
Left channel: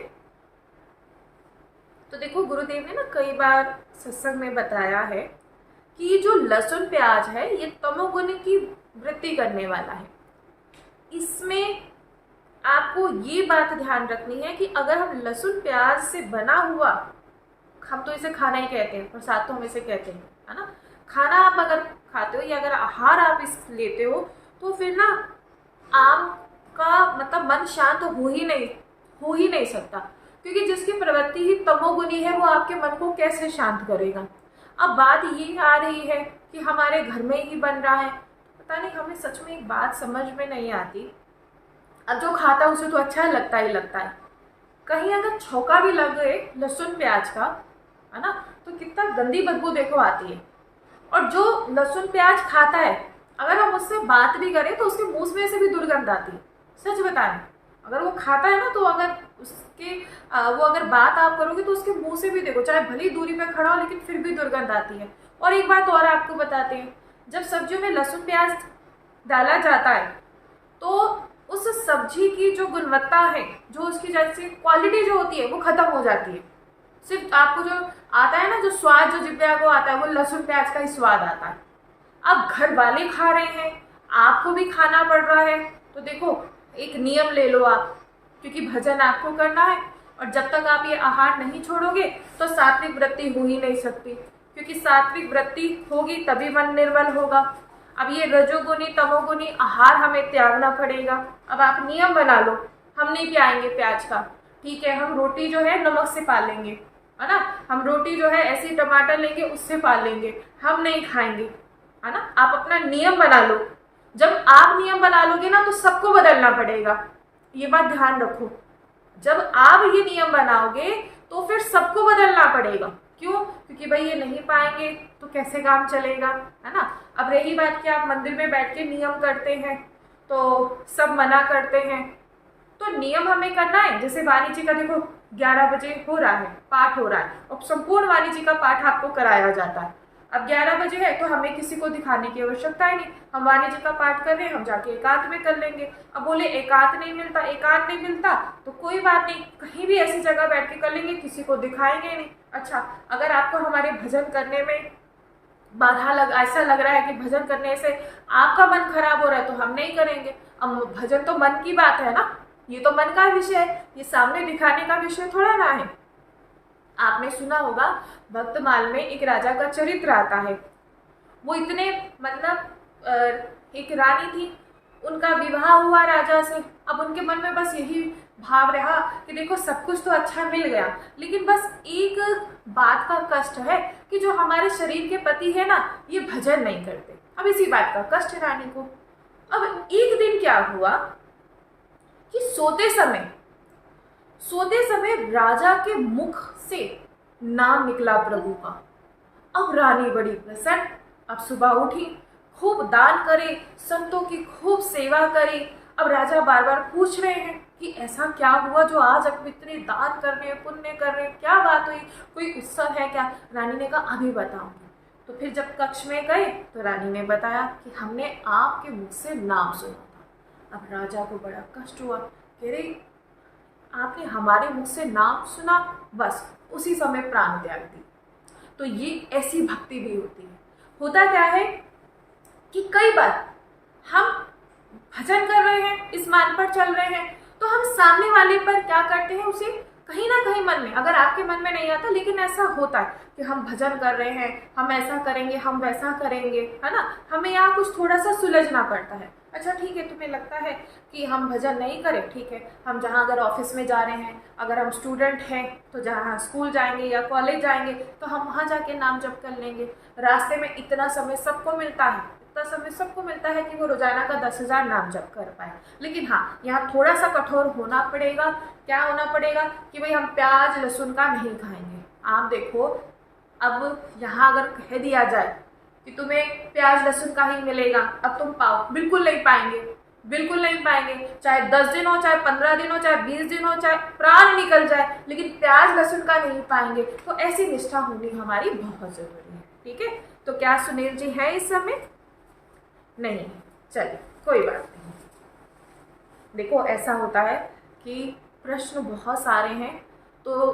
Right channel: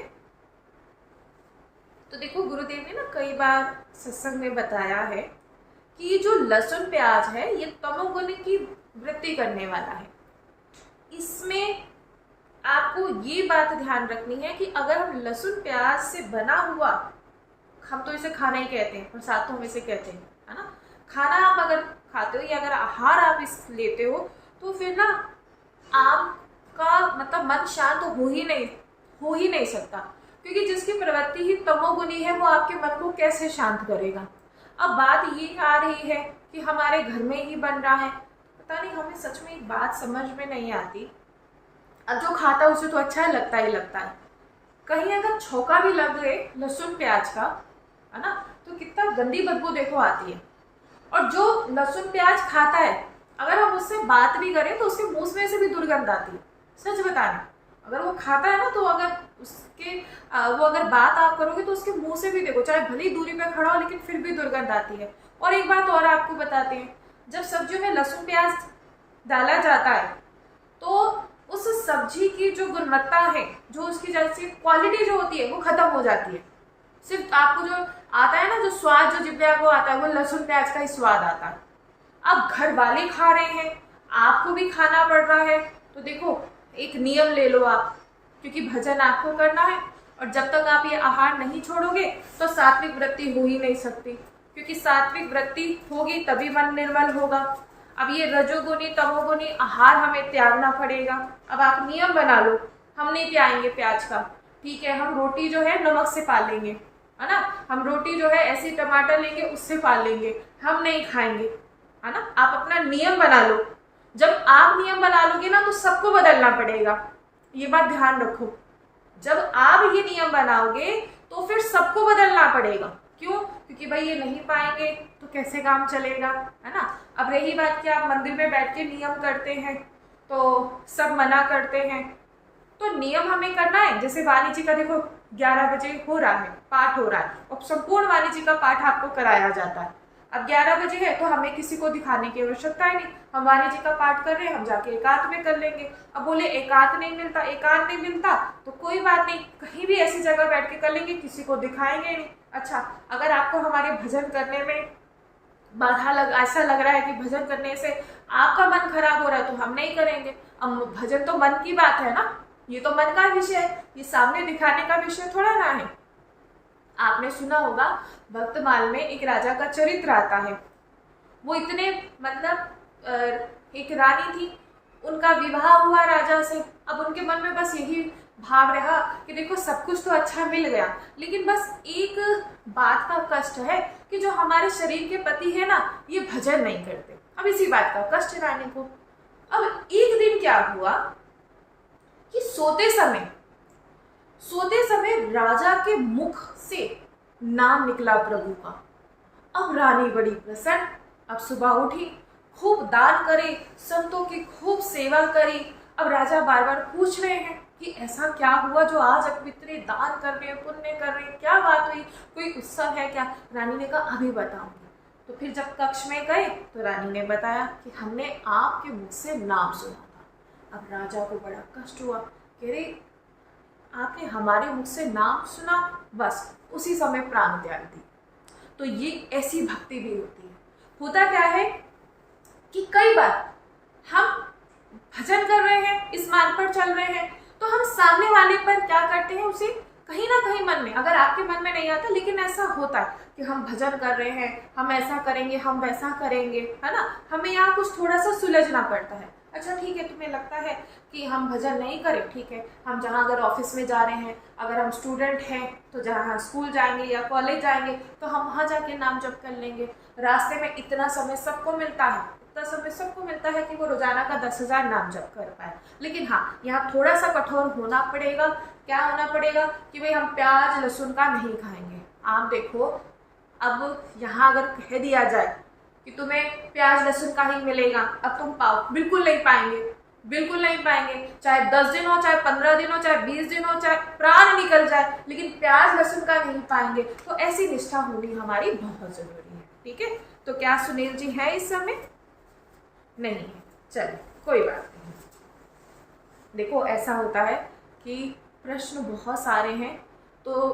तो देखो, गुरुदेव ने ना कई बार सत्संग में बताया है कि ये जो लहसुन प्याज है ये तमोगुण की वृद्धि करने वाला है। इसमें आपको ये बात ध्यान रखनी है कि अगर हम लहसुन प्याज से बना हुआ, हम तो इसे खाना ही कहते हैं, प्रसाद तो हम इसे कहते हैं, है ना, खाना आप अगर खाते हो या अगर आहार आप इस लेते हो, तो फिर ना आपका मतलब मन शांत हो ही नहीं सकता, क्योंकि जिसकी प्रवृत्ति ही तमोगुनी है वो आपके मन को कैसे शांत करेगा। अब बात ये आ रही है कि हमारे घर में ही बन रहा है, पता नहीं, हमें सच में एक बात समझ में नहीं आती। अब जो खाता है उसे तो अच्छा लगता ही लगता है, कहीं अगर छौका भी लग गए लहसुन प्याज का, है ना, तो कितना गंदी बदबू देखो आती है। और जो लहसुन प्याज खाता है, अगर हम उससे बात भी करें तो उसके मुंह में से भी दुर्गंध आती है। सच बता रहे, अगर वो खाता है ना, तो अगर उसके वो अगर बात आप करोगे तो उसके मुंह से भी देखो, चाहे भली दूरी पे खड़ा हो, लेकिन फिर भी दुर्गंध आती है। और एक बात और आपको बताते हैं, जब सब्जियों में लहसुन प्याज डाला जाता है तो उस सब्जी की जो गुणवत्ता है, जो उसकी जैसे क्वालिटी जो होती है, वो खत्म हो जाती है। सिर्फ आपको जो आता है ना, जो स्वाद जो जिब्बे को आता है, वो लहसुन प्याज का ही स्वाद आता है। अब घर वाले खा रहे हैं, आपको भी खाना पड़ रहा है, तो देखो एक नियम ले लो आप, क्योंकि भजन आपको करना है, और जब तक आप ये आहार नहीं छोड़ोगे तो सात्विक वृत्ति हो ही नहीं सकती, क्योंकि सात्विक वृत्ति होगी तभी मन निर्मल होगा। अब ये रजोगुनी तमोगुनी आहार हमें त्यागना पड़ेगा। अब आप नियम बना लो, हम नहीं प्याएंगे प्याज का, ठीक है, हम रोटी जो है नमक से पाल लेंगे, है ना, हम रोटी जो है ऐसे टमाटर लेंगे उससे पाल लेंगे, हम नहीं खाएंगे, है ना। आप अपना नियम बना लो। जब आप नियम बना लोगे ना, तो सबको बदलना पड़ेगा, ये बात ध्यान रखो। जब आप ये नियम बनाओगे तो फिर सबको बदलना पड़ेगा। क्यों? क्योंकि भाई ये नहीं पाएंगे तो कैसे काम चलेगा, है ना। अब रही बात कि आप मंदिर में बैठ के नियम करते हैं तो सब मना करते हैं, तो नियम हमें करना है। जैसे वाणी जी का देखो 11 बजे हो रहा है, पाठ हो रहा है, और संपूर्ण वाणी जी का पाठ आपको कराया जाता है। अब 11 बजे है तो हमें किसी को दिखाने की आवश्यकता ही नहीं, हम वाणी जी का पाठ कर रहे हैं, हम जाके एकांत में कर लेंगे। अब बोले एकांत नहीं मिलता तो कोई बात नहीं, कहीं भी ऐसी जगह बैठ के कर लेंगे, किसी को दिखाएंगे नहीं। अच्छा, अगर आपको हमारे भजन करने में ऐसा लग रहा है कि भजन करने से आपका मन खराब हो रहा है, तो हम नहीं करेंगे। अब भजन तो मन की बात है ना, ये तो मन का विषय है, ये सामने दिखाने का विषय थोड़ा ना है। आपने सुना होगा भक्तमाल में एक राजा का चरित्र आता है। वो इतने मतलब एक रानी थी, उनका विवाह हुआ राजा से। अब उनके मन में बस यही भाव रहा कि देखो सब कुछ तो अच्छा मिल गया, लेकिन बस एक बात का कष्ट है कि जो हमारे शरीर के पति है ना, ये भजन नहीं करते। अब इसी बात का कष्ट रानी को। अब एक दिन क्या हुआ कि सोते समय राजा के मुख से नाम निकला प्रभु का। अब रानी बड़ी प्रसन्न, अब सुबह उठी, खूब दान करे, संतों की खूब सेवा करी। अब राजा बार बार पूछ रहे हैं कि ऐसा क्या हुआ जो आज अब इतने दान कर रहे हैं, पुण्य कर रहे हैं, क्या बात हुई, कोई उत्सव है क्या। रानी ने कहा अभी बताऊंगी। तो फिर जब कक्ष में गए तो रानी ने बताया कि हमने आपके मुख से नाम सुना था। अब राजा को बड़ा कष्ट हुआ, कह रहे आपने हमारे मुख से नाम सुना, बस उसी समय प्राण त्याग दी। तो ये ऐसी भक्ति भी होती है। होता क्या है कि कई बार हम भजन कर रहे हैं, इस मार्ग पर चल रहे हैं, तो हम सामने वाले पर क्या करते हैं, उसे कहीं ना कहीं मन में, अगर आपके मन में नहीं आता, लेकिन ऐसा होता है कि हम भजन कर रहे हैं, हम ऐसा करेंगे, हम वैसा करेंगे, है ना, हमें यहाँ कुछ थोड़ा सा सुलझना पड़ता है। अच्छा ठीक है, तुम्हें लगता है कि हम भजन नहीं करें, ठीक है, हम जहाँ अगर ऑफिस में जा रहे हैं, अगर हम स्टूडेंट हैं तो जहाँ स्कूल जाएंगे या कॉलेज जाएंगे तो हम वहाँ जाके नाम जप कर लेंगे। रास्ते में इतना समय सबको मिलता है कि वो रोजाना का 10,000 नाम जप कर पाए। लेकिन हाँ, यहाँ थोड़ा सा कठोर होना पड़ेगा। क्या होना पड़ेगा कि भाई हम प्याज लहसुन का नहीं खाएंगे। आप देखो, अब यहाँ अगर कह दिया जाए कि तुम्हें प्याज लहसुन का ही मिलेगा, अब तुम पाओ, बिल्कुल नहीं पाएंगे। चाहे 10 दिन हो, चाहे 15 दिन हो, चाहे 20 दिन हो, चाहे प्राण निकल जाए, लेकिन प्याज लहसुन का नहीं पाएंगे। तो ऐसी निष्ठा होनी हमारी बहुत जरूरी है। ठीक है, तो क्या सुनील जी है इस समय? नहीं, चलिए कोई बात नहीं। देखो ऐसा होता है कि प्रश्न बहुत सारे हैं, तो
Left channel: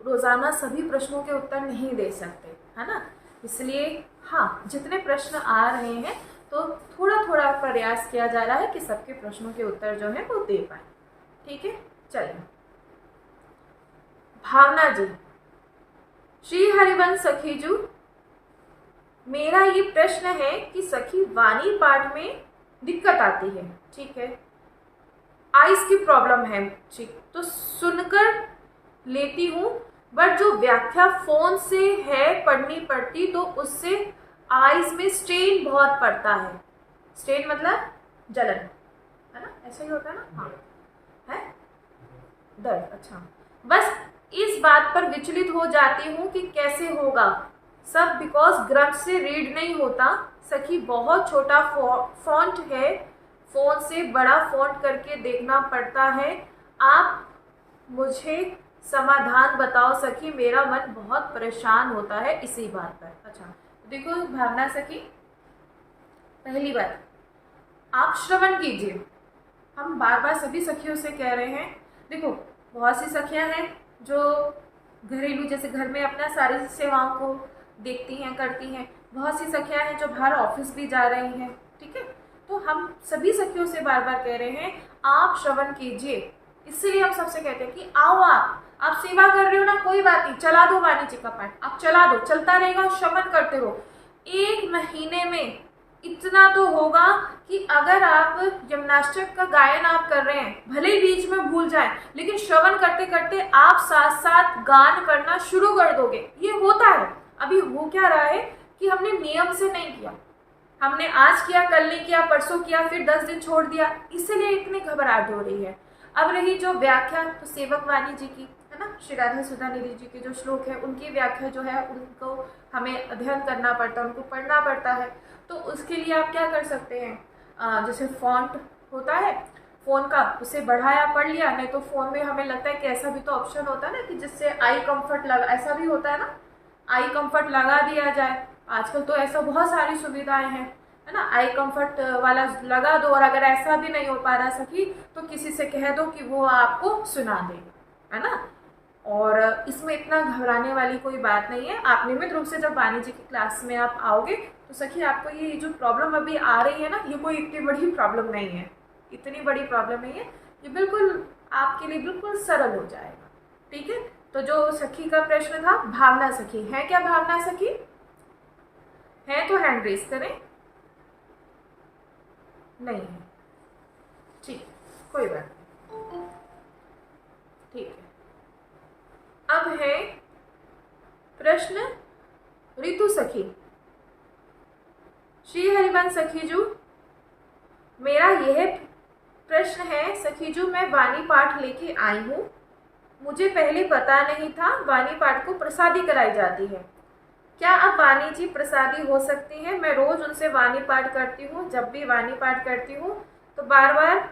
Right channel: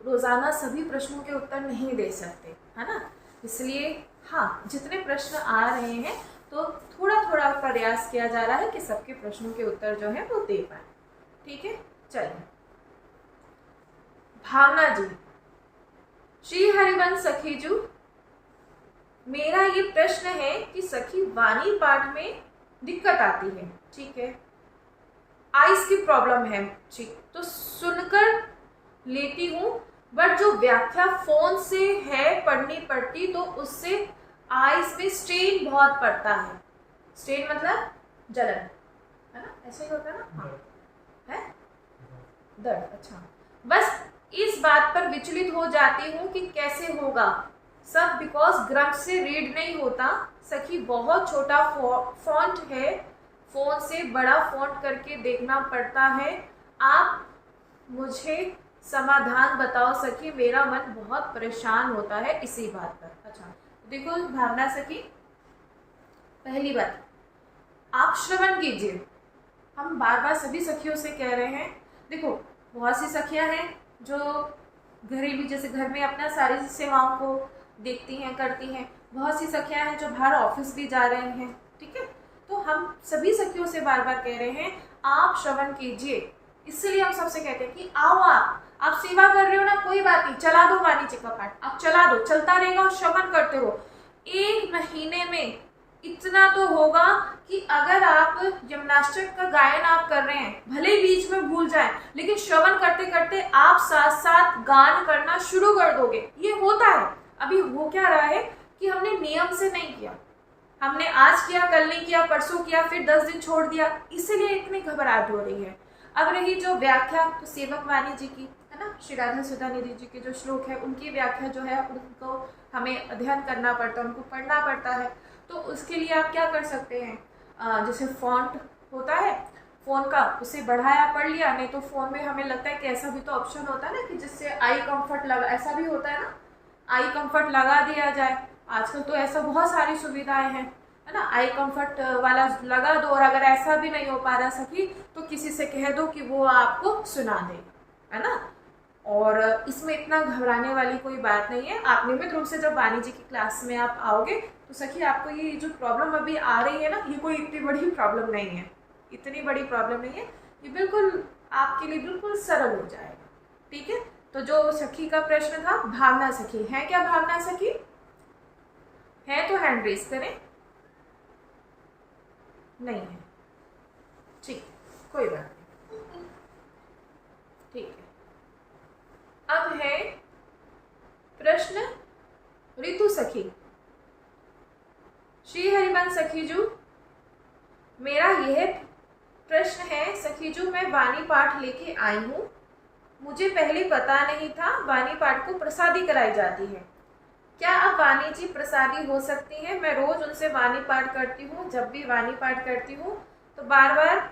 रोजाना सभी प्रश्नों के उत्तर नहीं दे सकते, है ना। इसलिए हाँ, जितने प्रश्न आ रहे हैं तो थोड़ा थोड़ा प्रयास किया जा रहा है कि सबके प्रश्नों के उत्तर जो है वो दे पाए। ठीक है, चलिए। भावना जी, श्री हरिवंश सखीजू, मेरा ये प्रश्न है कि सखी वाणी पाठ में दिक्कत आती है, ठीक है, आइस की प्रॉब्लम है, ठीक, तो सुनकर लेती हूँ, बट जो व्याख्या फोन से है पढ़नी पड़ती तो उससे आइस में स्ट्रेन बहुत पड़ता है। स्ट्रेन मतलब जलन, है ना, ऐसा ही होता है ना, हाँ, है दर्द, अच्छा, बस इस बात पर विचलित हो जाती हूँ कि कैसे होगा सब, बिकॉज ग्रंथ से रीड नहीं होता। सखी बहुत छोटा फॉन्ट है, फोन से बड़ा फॉन्ट करके देखना पड़ता है, आप मुझे समाधान बताओ सखी, मेरा मन बहुत परेशान होता है इसी बात पर। अच्छा, देखो भावना सखी, पहली बात आप श्रवण कीजिए, हम बार बार सभी सखियों से कह रहे हैं, देखो बहुत सी सखियां हैं जो घरेलू जैसे घर में अपना सारी सेवाओं को देखती हैं, करती हैं, बहुत सी सखियां हैं जो बाहर ऑफिस भी जा रही हैं, ठीक है, तो हम सभी सखियों से बार बार कह रहे हैं आप श्रवण कीजिए, इसलिए हम सबसे कहते हैं कि आओ आप सेवा कर रहे हो ना, कोई बात नहीं, चला दो वाणी जी का पाठ, आप चला दो, चलता रहेगा, श्रवण करते रहो। 1 महीने में इतना तो होगा कि अगर आप जिम्नास्टिक का गायन आप कर रहे हैं, भले ही बीच में भूल जाए, लेकिन श्रवण करते करते आप साथ साथ गान करना शुरू कर दोगे। ये होता है, अभी हो क्या रहा है कि हमने नियम से नहीं किया, हमने आज किया, कल नहीं किया, परसों किया, फिर 10 दिन छोड़ दिया, इसीलिए इतनी घबराहट हो रही है। अब रही जो व्याख्या, तो सेवक वाणी जी की, है ना, श्री राधा सुधा निधि जी के जो श्लोक है उनकी व्याख्या जो है उनको हमें अध्ययन करना पड़ता है, उनको पढ़ना पड़ता है, तो उसके लिए आप क्या कर सकते हैं, जैसे फॉन्ट होता है फ़ोन का, उसे बढ़ाया पढ़ लिया, नहीं तो फ़ोन में हमें लगता है कि ऐसा भी तो ऑप्शन होता है ना कि जिससे आई कंफर्ट लगा, ऐसा भी होता है ना, आई कंफर्ट लगा दिया जाए, आजकल तो ऐसा बहुत सारी सुविधाएं हैं, है ना, आई कंफर्ट वाला लगा दो, और अगर ऐसा भी नहीं हो पा रहा सखी तो किसी से कह दो कि वो आपको सुना देगा, है ना, और इसमें इतना घबराने वाली कोई बात नहीं है। आप नियमित रूप से जब वाणी जी की क्लास में आप आओगे तो सखी आपको ये जो प्रॉब्लम अभी आ रही है ना, ये कोई इतनी बड़ी प्रॉब्लम नहीं है, इतनी बड़ी प्रॉब्लम नहीं है, ये बिल्कुल आपके लिए बिल्कुल सरल हो जाएगा, ठीक है। तो जो सखी का प्रश्न था, भावना सखी है क्या, भावना सखी है तो हैंड रेज करें, नहीं है, ठीक है, कोई बात नहीं, ठीक है। अब है प्रश्न ऋतु सखी, श्री हरिवंश सखीजू, मेरा यह प्रश्न है सखीजू, मैं वाणी पाठ लेके आई हूँ, मुझे पहले पता नहीं था वाणी पाठ को प्रसादी कराई जाती है, क्या अब वाणी जी प्रसादी हो सकती हैं? मैं रोज उनसे वाणी पाठ करती हूँ, जब भी वाणी पाठ करती हूँ तो बार बार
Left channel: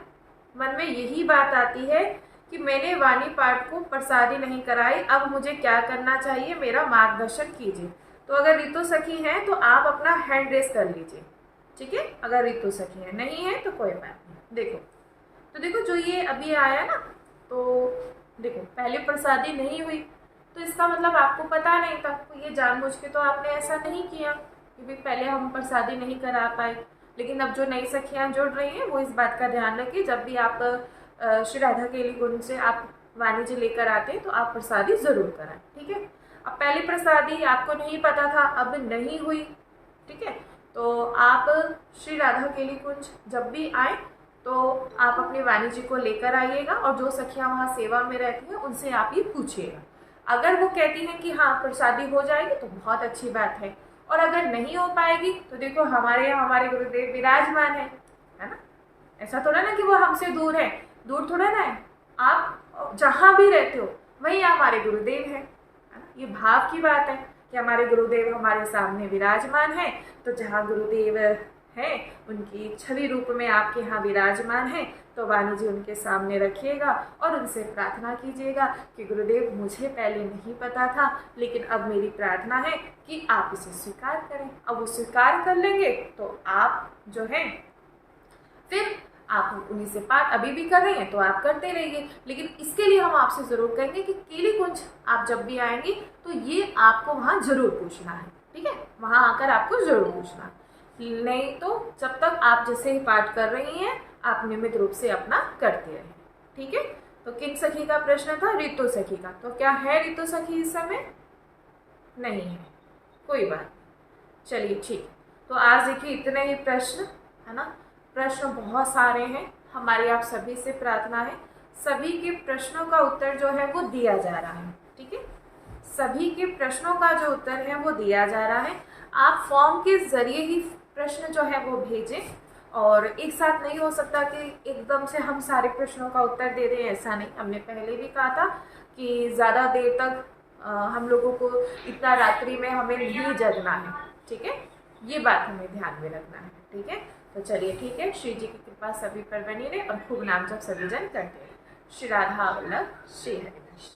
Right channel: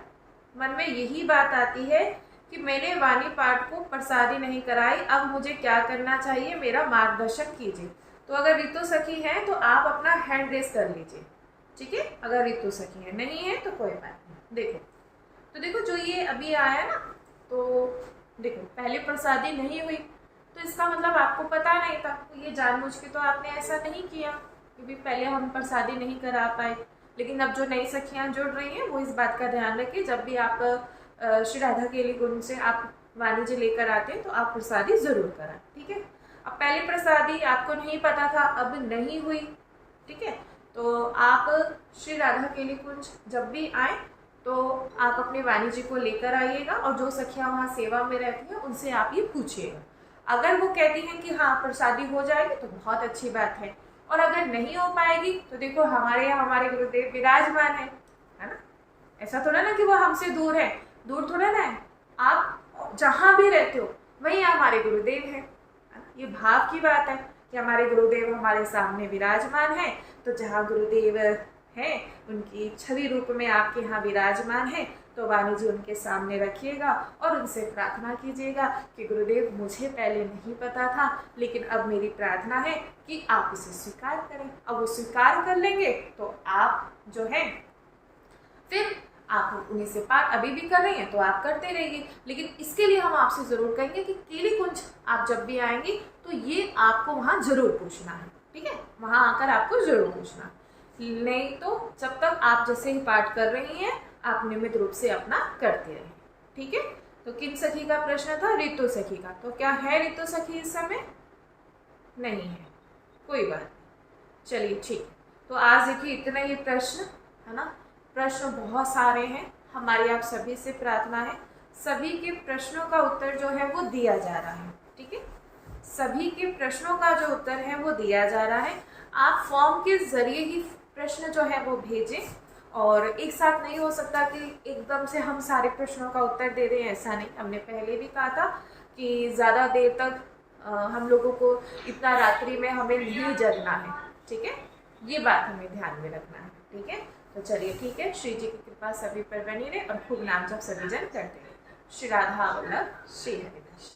मन में यही बात आती है कि मैंने वाणी पाठ को प्रसादी नहीं कराई, अब मुझे क्या करना चाहिए, मेरा मार्गदर्शन कीजिए। तो अगर ऋतु सखी हैं तो आप अपना हैंड रेस कर लीजिए, ठीक है, अगर ऋतु सखी है, नहीं है तो कोई बात नहीं। देखो तो देखो जो ये अभी आया ना, तो देखो पहले प्रसादी नहीं हुई तो इसका मतलब आपको पता नहीं था, तो ये जानबूझ के तो आपने ऐसा नहीं किया कि भी पहले हम प्रसादी नहीं करा पाए। लेकिन अब जो नई सखियाँ जुड़ रही हैं वो इस बात का ध्यान रखिए, जब भी आप श्री राधा केली गुण से आप वाणी जी लेकर आते हैं तो आप प्रसादी जरूर कराएं, ठीक है। अब पहले प्रसादी आपको नहीं पता था, अब नहीं हुई, ठीक है, तो आप श्री राधा केली कुंज जब भी आए तो आप अपने वाणी जी को लेकर आइएगा, और जो सखियाँ वहाँ सेवा में रहती हैं उनसे आप ये पूछिएगा। अगर वो कहती हैं कि हाँ प्रसादी हो जाएगी तो बहुत अच्छी बात है, और अगर नहीं हो पाएगी तो देखो हमारे यहाँ हमारे गुरुदेव विराजमान है ना, ऐसा थोड़ा ना कि वो हमसे दूर है, दूर थोड़ा ना है, आप जहाँ भी रहते हो वहीं हमारे गुरुदेव है ना, ये भाव की बात है कि हमारे गुरुदेव हमारे सामने विराजमान है, तो जहाँ गुरुदेव हैं उनकी छवि रूप में आपके यहाँ विराजमान है, तो वाणी जी उनके सामने रखिएगा और उनसे प्रार्थना कीजिएगा कि गुरुदेव मुझे पहले नहीं पता था, लेकिन अब मेरी प्रार्थना है कि आप इसे स्वीकार करें। अब वो स्वीकार कर लेंगे तो आप जो है फिर आप उन्हीं से पाठ अभी भी कर रहे हैं तो आप करते रहिए, लेकिन इसके लिए हम आपसे ज़रूर कहेंगे कि केली कुंज आप जब भी आएंगी तो ये आपको वहाँ ज़रूर पूछना है, ठीक है, वहाँ आकर आपको ज़रूर पूछना, नहीं तो जब तक आप जैसे ही पाठ कर रही हैं आप नियमित रूप से अपना करते रहें, ठीक है। तो किन सखी का प्रश्न था? ऋतु सखी का। तो क्या है ऋतु सखी इस समय? नहीं है, कोई बात नहीं। चलिए ठीक है, तो आज देखिए इतने ही प्रश्न है ना। प्रश्न बहुत सारे हैं, हमारी आप सभी से प्रार्थना है सभी के प्रश्नों का उत्तर जो है वो दिया जा रहा है। ठीक है, सभी के प्रश्नों का जो उत्तर है वो दिया जा रहा है। आप फॉर्म के जरिए ही प्रश्न जो है वो भेजें, और एक साथ नहीं हो सकता कि एकदम से हम सारे प्रश्नों का उत्तर दे दें, ऐसा नहीं। हमने पहले भी कहा था कि ज़्यादा देर तक हम लोगों को इतना रात्रि में हमें नहीं जगना है। ठीक है, ये बात हमें ध्यान में रखना है। ठीक है, तो चलिए ठीक है, श्री जी की कृपा सभी पर बनी रहे और खूब नाम जप सभी जन करते रहे। श्री राधा वल्लभ श्री हरिवंश।